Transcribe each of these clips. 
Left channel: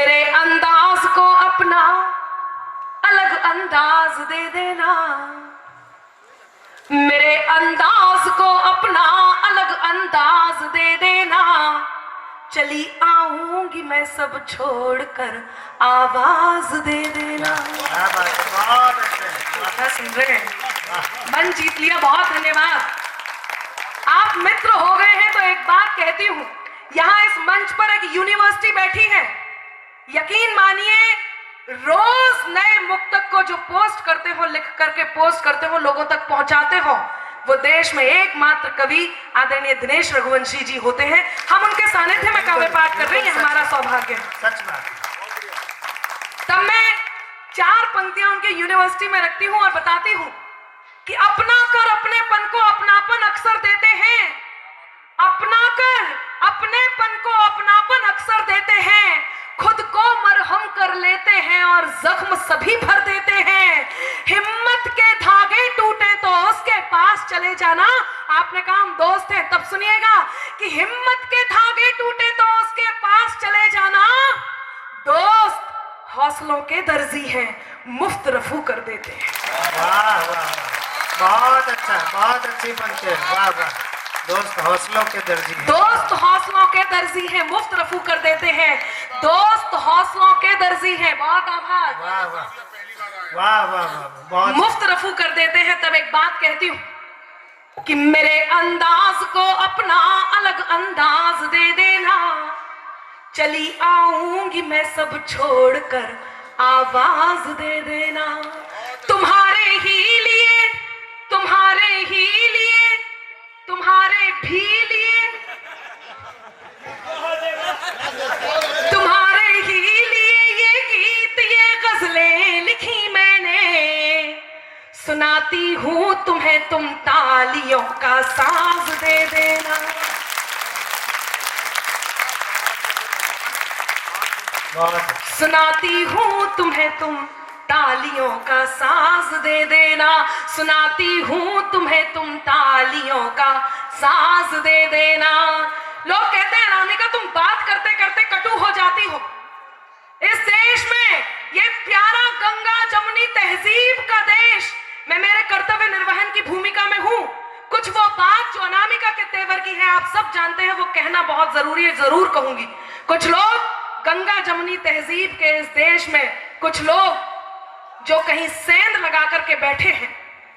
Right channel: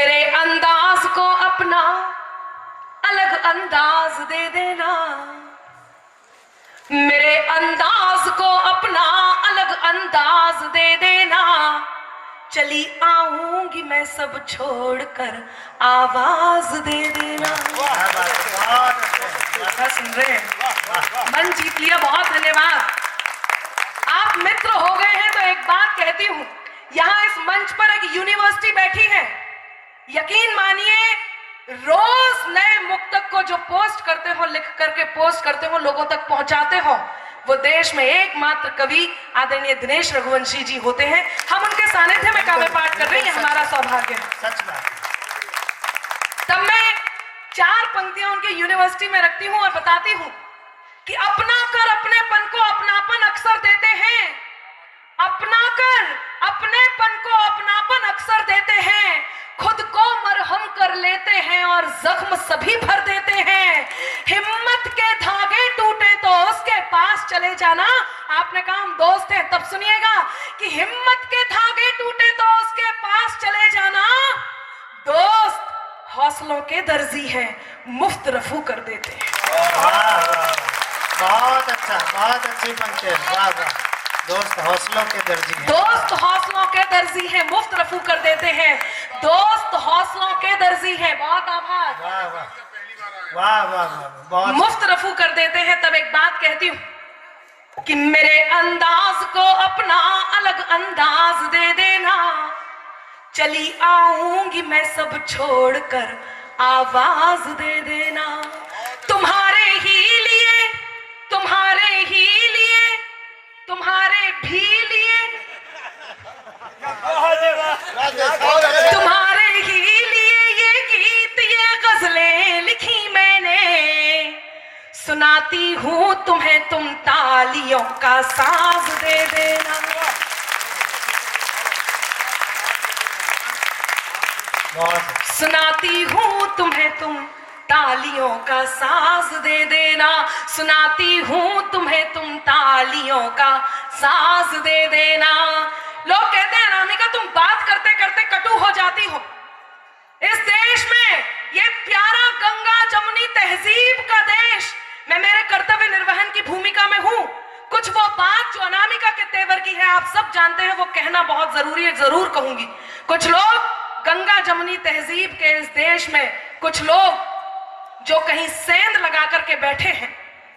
मेरे अंदाज को अपना अलग अंदाज दे देना, मेरे अंदाज को अपना अलग अंदाज दे देना। चली आऊंगी मैं सब छोड़कर आवाज दे देना। सुन रहे हैं, मन जीत लिया, बहुत धन्यवाद। आप मित्र हो गए हैं तो एक बात कहती हूं, यहाँ इस मंच पर एक यूनिवर्सिटी बैठी है। यकीन मानिए, रोज नए मुक्तक को जो पोस्ट करते हो, लिख करके पोस्ट करते हो, लोगों तक पहुंचाते हो, वो देश में एकमात्र कवि आदरणीय दिनेश रघुवंशी जी होते हैं। हम उनके सानिध्य में काव्य पाठ कर रहे हैं, हमारा सौभाग्य है। तब मैं 4 पंक्तियां उनके यूनिवर्सिटी में रखती हूं और बताती हूं कि अपना कर अपनेपन को अपनापन अक्सर देते हैं, अपना कर अपनेपन को अपनापन अक्सर देते हैं, खुद को मरहम कर लेते हैं और जख्म सभी भर देते हैं। हिम्मत के धागे टूटे तो उसके पास चले जाना। आपने कहा हम दोस्त हैं, तब सुनिएगा कि हिम्मत के धागे टूटे तो उसके पास चले जाना। दोस्त हौसलों के दर्जी हैं, मुफ्त रफू कर देते हैं। वाह वाह, बहुत अच्छा, बहुत अच्छी पंक्ति है। वाह वाह, दोस्त हौसलों के दर्जी हैं। दोस्त हौसलों के दर्जी हैं, मुफ्त रफू कर देते हैं। दोस्त हौसलों के दर्जी हैं, बहुत आभार। वाह वाह वाह वाह वाह, बहुत मुफ्त रफू कर देते हैं। तब एक बात कहती हूं कि मेरे अंदाज को अपना अलग अंदाज दे देना। चली आऊंगी मैं सब छोड़कर आवाज दे देना। तुम्हारे ही लिए, तुम्हारे ही लिए, तुम्हारे भी लिए, तुम्हारे ही लिए ये गीत, ये गजलें लिखी मैंने। सुनाती हूं तुम्हें, तुम तालियों का साज दे देना। सुनाती हूं तुम्हें, तुम तालियों का साज दे देना। सुनाती हूं तुम्हें, तुम तालियों का साज दे देना। लोग कहते हैं अनामिका तुम बात करते करते कटु हो जाती हो। इस देश में, ये प्यारा गंगा जमुनी तहजीब का देश, मैं मेरे कर्तव्य निर्वहन की भूमिका में हूं। कुछ वो बात जो अनामिका के तेवर की है, आप सब जानते हैं, वो कहना बहुत जरूरी है, जरूर कहूंगी। कुछ लोग गंगा जमुनी तहजीब के इस देश में, कुछ लोग जो कहीं सेंध लगा करके बैठे हैं,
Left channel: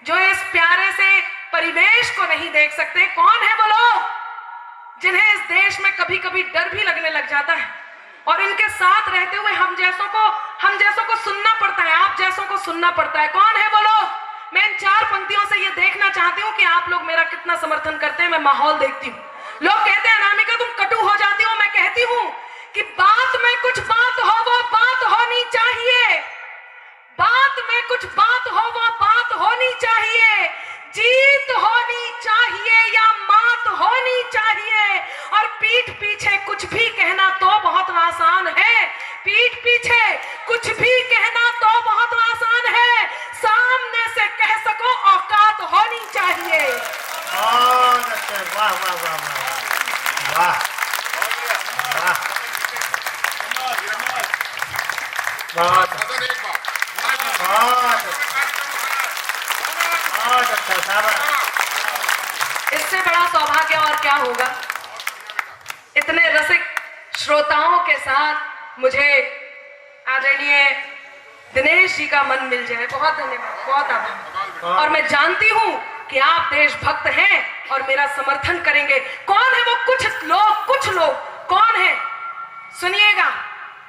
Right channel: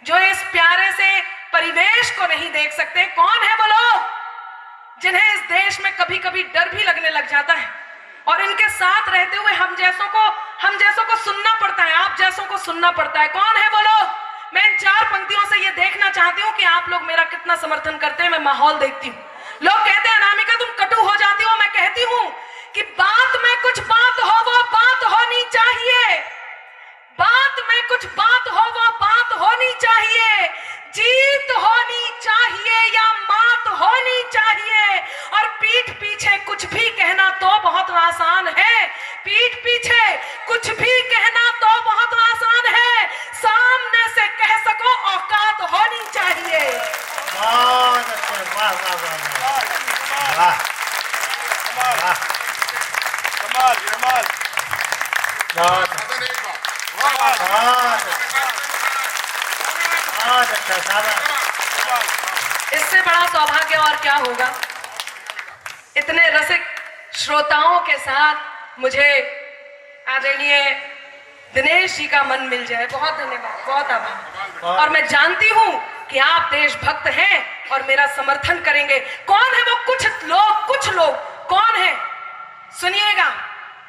जो इस प्यारे से परिवेश को नहीं देख सकते। कौन है वो लोग जिन्हें इस देश में कभी कभी डर भी लगने लग जाता है, और इनके साथ रहते हुए हम जैसों को सुनना पड़ता है, आप जैसों को सुनना पड़ता है। कौन है वो लोग? मैं इन 4 पंक्तियों से ये देखना चाहती हूँ कि आप लोग मेरा कितना समर्थन करते हैं। मैं माहौल देखती हूँ। लोग कहते हैं अनामिका तुम कटु हो जाती हो। मैं कहती हूँ कि बात में कुछ बात हो, वो बात होनी चाहिए। बात में कुछ बात हो, वो बात होनी चाहिए। जीत होनी चाहिए या मात होनी चाहिए। और पीठ पीछे कुछ भी कहना तो बहुत आसान है। पीठ पीछे कुछ भी कहना तो बहुत आसान है, सामने से कह सको औकात होनी चाहिए। बहुत अच्छा, वाह वाह वाह वाह वाह वाह, बहुत अच्छा, शाबाश। इससे बड़ा सौभाग्य और क्या होगा। इतने रसिक श्रोताओं के साथ मुझे आदरणीय दिनेश जी का मन मिल जाए। बहुत धन्यवाद, बहुत आभार। और मैं जानती हूं कि आप देशभक्त हैं और मेरा समर्थन करेंगे। कौन है वो कुछ लोग कौन है? सुनिएगा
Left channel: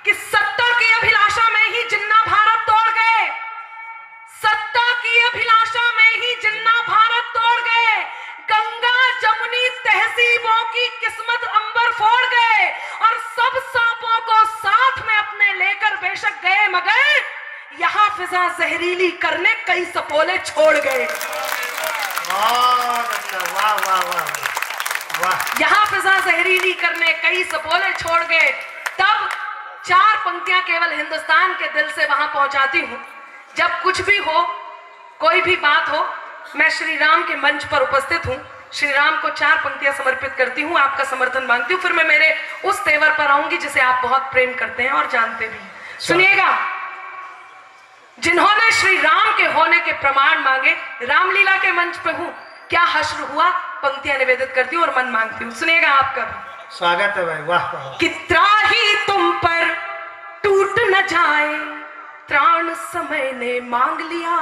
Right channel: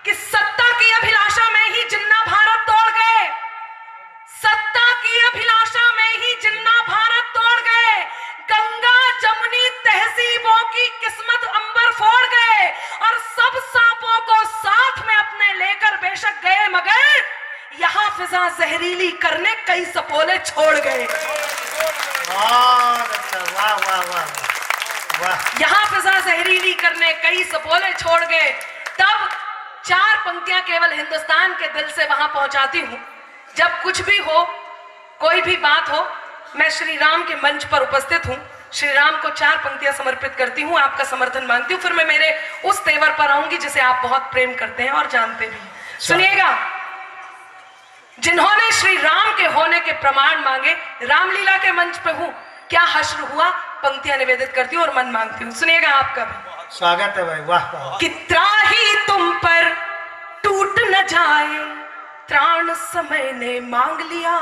कि सत्ता की अभिलाषा में ही जिन्ना भारत तोड़ गए। सत्ता की अभिलाषा में ही जिन्ना भारत तोड़ गए। गंगा जमुनी तहजीबों की किस्मत अंबर फोड़ गए और सब सांपों को साथ में अपने लेकर बेशक गए, मगर यहाँ फिजा जहरीली करने कई सपोले छोड़ गए। बहुत अच्छा, वाह वाह वाह वाह। यहाँ फिजा जहरीली करने कई सपोले छोड़ गए। तब 4 पंक्तियां केवल हिंदुस्तान के दिल से वहां पहुंचाती हूं। जब कुछ भी हो, कोई भी बात हो, मैं श्री राम के मंच पर उपस्थित हूं। श्री राम को 4 पंक्तियां समर्पित करती हूँ, आपका समर्थन मांगती हूँ, फिर मैं मेरे उस तेवर पर आऊंगी जिसे आप बहुत प्रेम करते हैं और जानते भी हैं। सुनिएगा, जिन्होंने श्री राम के होने के प्रमाण मांगे, रामलीला के मंच पे हूँ, क्या हश्र हुआ, पंक्तियां निवेदित करती हूँ और मन मांगती हूँ। सुनिएगा आपका भी स्वागत है भाई, वाह वाह। कि त्राही तुम पर टूट न जाए, त्राण समय ने मांग लिया,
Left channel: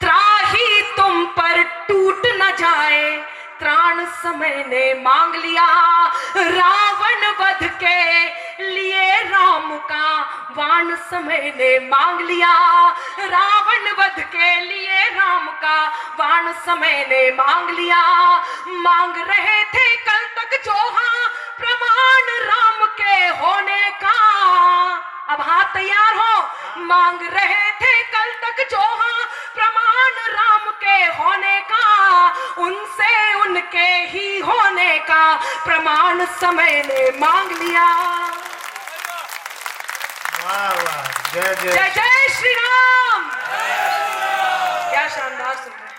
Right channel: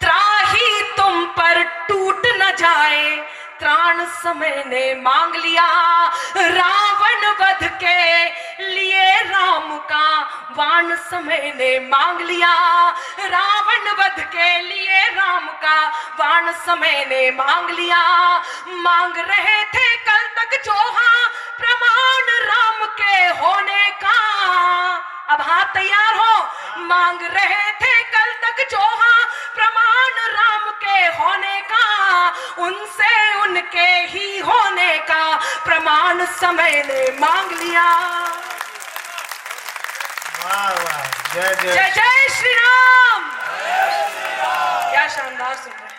त्राही तुम पर टूट न जाए, त्राण समय ने मांग लिया, रावण वध के लिए राम का वाण समय ने मांग लिया, रावण वध के लिए राम का वाण समय ने मांग लिया, मांग रहे थे कल तक जोहा प्रमाण राम के होने का, अब हाथ तैयार हो, मांग रहे थे कल तक जोहा प्रमाण राम के होने का, उनसे उनके ही होने का प्रमाण समय ने मांग लिया। वाह वाह, जय जय जय जय श्री राम। क्या शानदार सुन रहे हैं।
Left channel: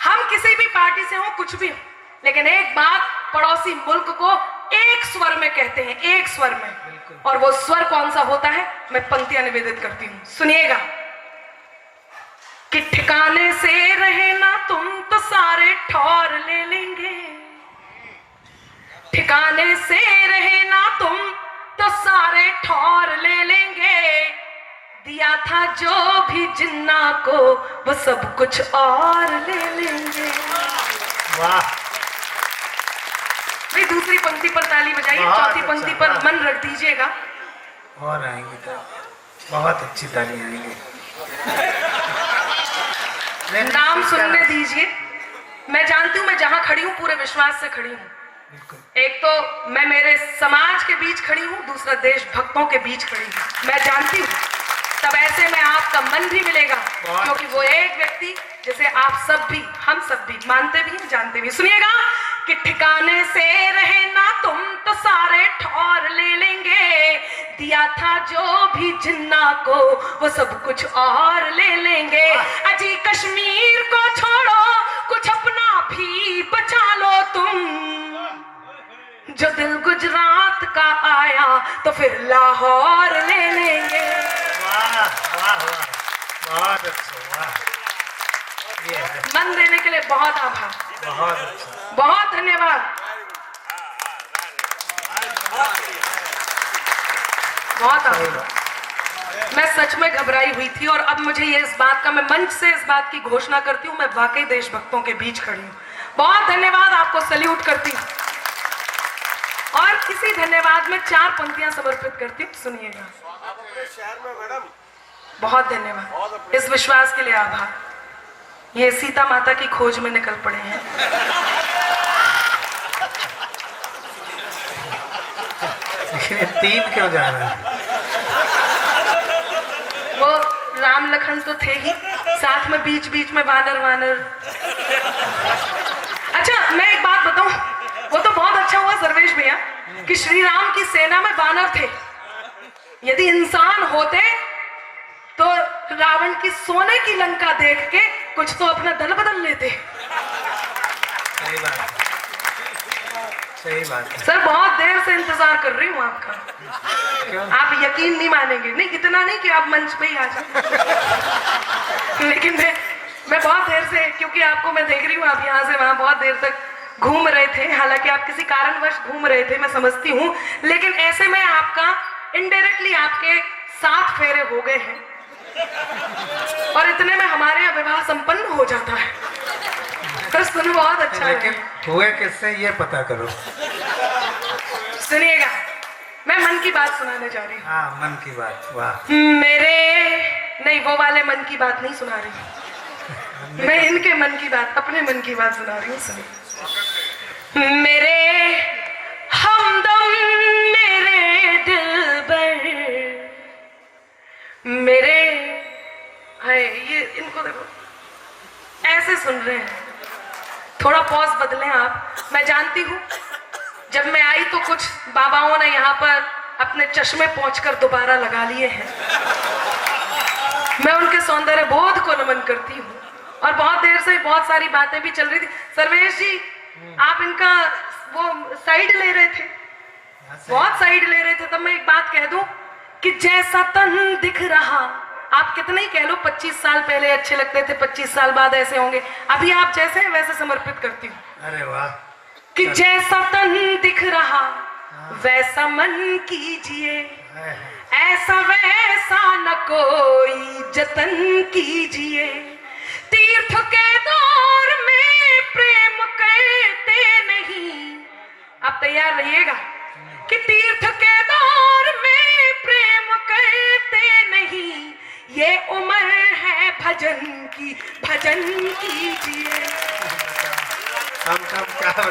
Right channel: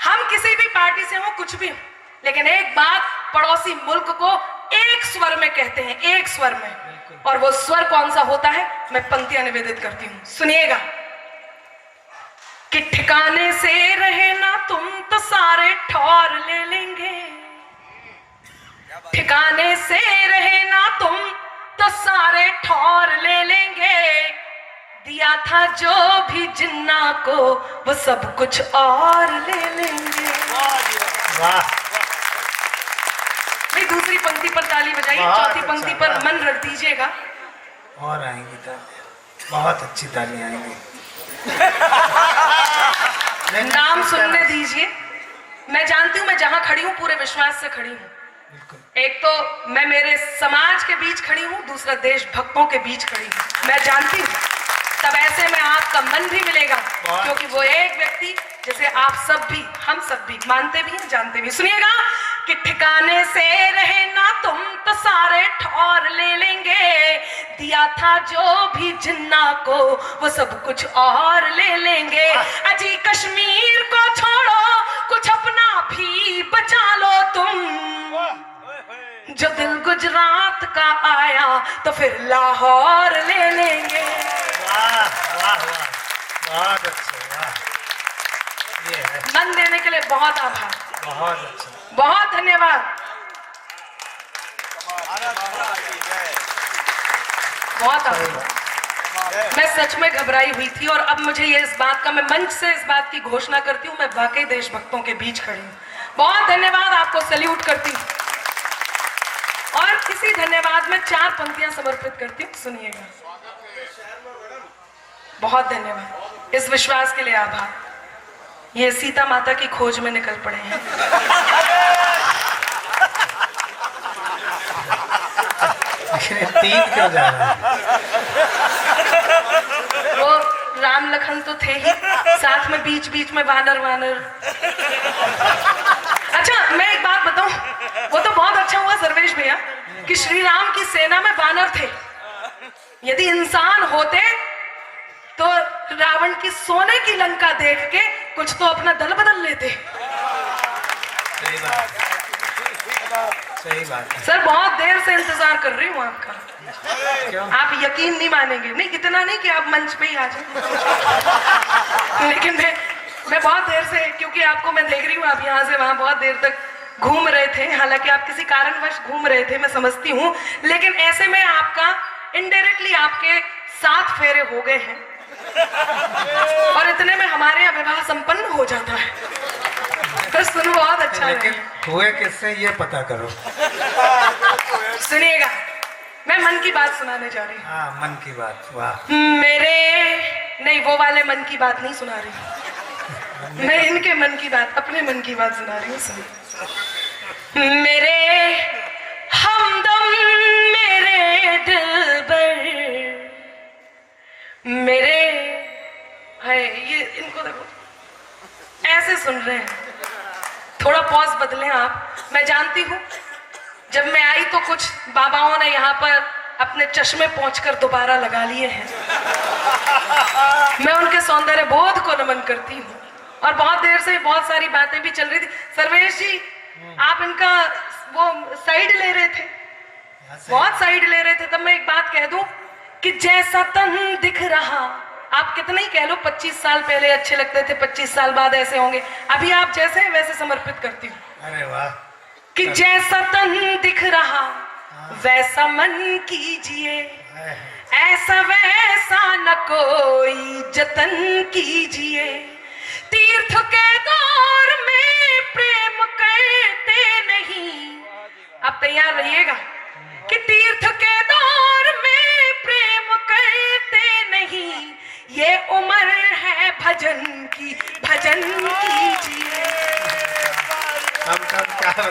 हम किसी भी पार्टी से हो, कुछ भी हो, लेकिन एक बात पड़ोसी मुल्क को एक स्वर में कहते हैं, एक स्वर में, और वो स्वर कौन सा होता है, मैं पंक्तियां निवेदित करती हूं। सुनिएगा कि ठिकाने से रहे ना तुम तो सारे ठौर ले लेंगे, ठिकाने से रहे ना तुम तो सारे ठौर ले लेंगे, दिया था जो भी जिन्ना को वो सब कुछ और ले लेंगे। वाह। भाई दूसरी पंक्ति पर ताली बजाइए, चौथी पंक्ति पर मन रख दीजिएगा। और आएंगी तो बहुत अच्छी ताली आएंगी। नाम सुनने दीजिए। मैं जानती हूँ मैं जहां खड़ी हूँ पूरे विश्वास से खड़ी हूँ। एक तो मैं मेरे समाज के बीच खड़ी हूँ, दूसरा देशभक्तों के बीच खड़ी हूँ। मैं जानती हूँ तब ऐसे में आपका मन भी मिलेगा, क्योंकि वो एक व्यक्ति जिसे आप सब भी, हम सब भी मानते भी हैं, जानते भी। सुनिएगा कि ठिकाने से रहे ना तुम तो सारे ठौर ले लेंगे, दिया था जो भी जिन्ना को वो सब कुछ और ले लेंगे, अजी कश्मीर को छोड़ो कुछ अपना भी बचा लो तुम, जो दिल गुजरात का आया तो फिर लाहौर ले लेंगे। वाह वाह वाह, बहुत अच्छा, वाह। ये है, मन देने के लिए बहुत आभार, बहुत अच्छा। बहुत धन्यवाद, बहुत आभार। मैं सच में घबराई हुई थी और अब मुझे ये इस बात का, मैं मंच से इस बात की घोषणा करती हूँ, मैं वाकई देशभक्तों के बीच खड़ी हूँ। बहुत धन्यवाद, आपको सैल्यूट करती हूँ। और इसी धन्यवाद में 4 पंक्तियां समर्पित करती हूँ। सुनिएगा। बहुत धन्यवाद, इस विश्वास के लिए आभार। ये सीता माता की खोज में निकल पड़े हैं। तीन क्यों जा रहा है? वो राम लखन तो थे ही, साथ में बीच बीच में वानर वानर। अच्छा मैं एक बात बताऊं, वो तो बहुत अच्छा हुआ सर्वेश भैया कि श्री राम की सेना में वानर थे। यदि इंसान होते तो रावण की सोने की लंका देख के कुछ तो अपना दल बदल लेते। सही बात, सही बात है। सर बहुत देर से इंतजार कर रही हूँ आपका। क्यों? आप यकीन नहीं मानेंगे, नहीं इतना नहीं कि आप मंच पे ही आ जाए लेकिन मैं बहुत देर से, क्योंकि आपको मैं देख रही हूँ आप यहाँ से वहां बहुत देर तक घूम रहे थे, हालांकि आप किसी कारणवश घूम रहे थे, मैं समझती हूँ, लेकिन ऐसे में आपका इनडायरेक्टली आपके 7 फेरे हो गए हैं और इतने में हमारे यहाँ विवाह संपन्न हो जाता है। तो सुन बहुत अच्छा लेकिन हुए किससे ये पता करो। सुनिएगा, मैं मन की बात सुनाने जा रही हूँ। हाँ, मन की बात, वाह। मेरे नहीं, वो वाले मन की बात नहीं सुना रही, मैं इनके मन की बात, अपने मन की बात सुना रही हूँ। सुनिए। मेरे हमदम, मेरे दिलबर, मेरे, हाय ये इनको देखो ऐसे सुन रहे हैं, थोड़ा पॉज बदलें आप। मैं जानती हूँ जब मैं आई तो कुछ बाबाओं ने यहाँ पर अपने चश्मे पहुंचकर दोबारा लगा लिए हैं। मैं उनके सौंदर्य बोध को नमन करती हूँ और बहुत देर से बहुत सारी बातें भी चल रही थी। सर्वेश जी, आप इनका वो साइड ले रहे थे, बहुत साइड ले रहे थे। तब मैं एक बात कह दूं कि जैसा तन दिख रहा, आप कितना ही कह लो 25 साल पहले अच्छे लगते थे, 25 साल बाद ऐसे होंगे। अभी आप जैसे हैं वैसे समर्पित करती हूँ। अरे वाह। कि जैसा तन दिख रहा वैसा मन कीजिए, ऐसा वैसा न कोई जतन कीजिए। तीर्थ के दौर में प्रेम करते नहीं, आप तैयार रहिएगा कि तीर्थ के दौर में प्रेम करते नहीं, ये उम्र है भजन की, भजन कीजिए। हम क्या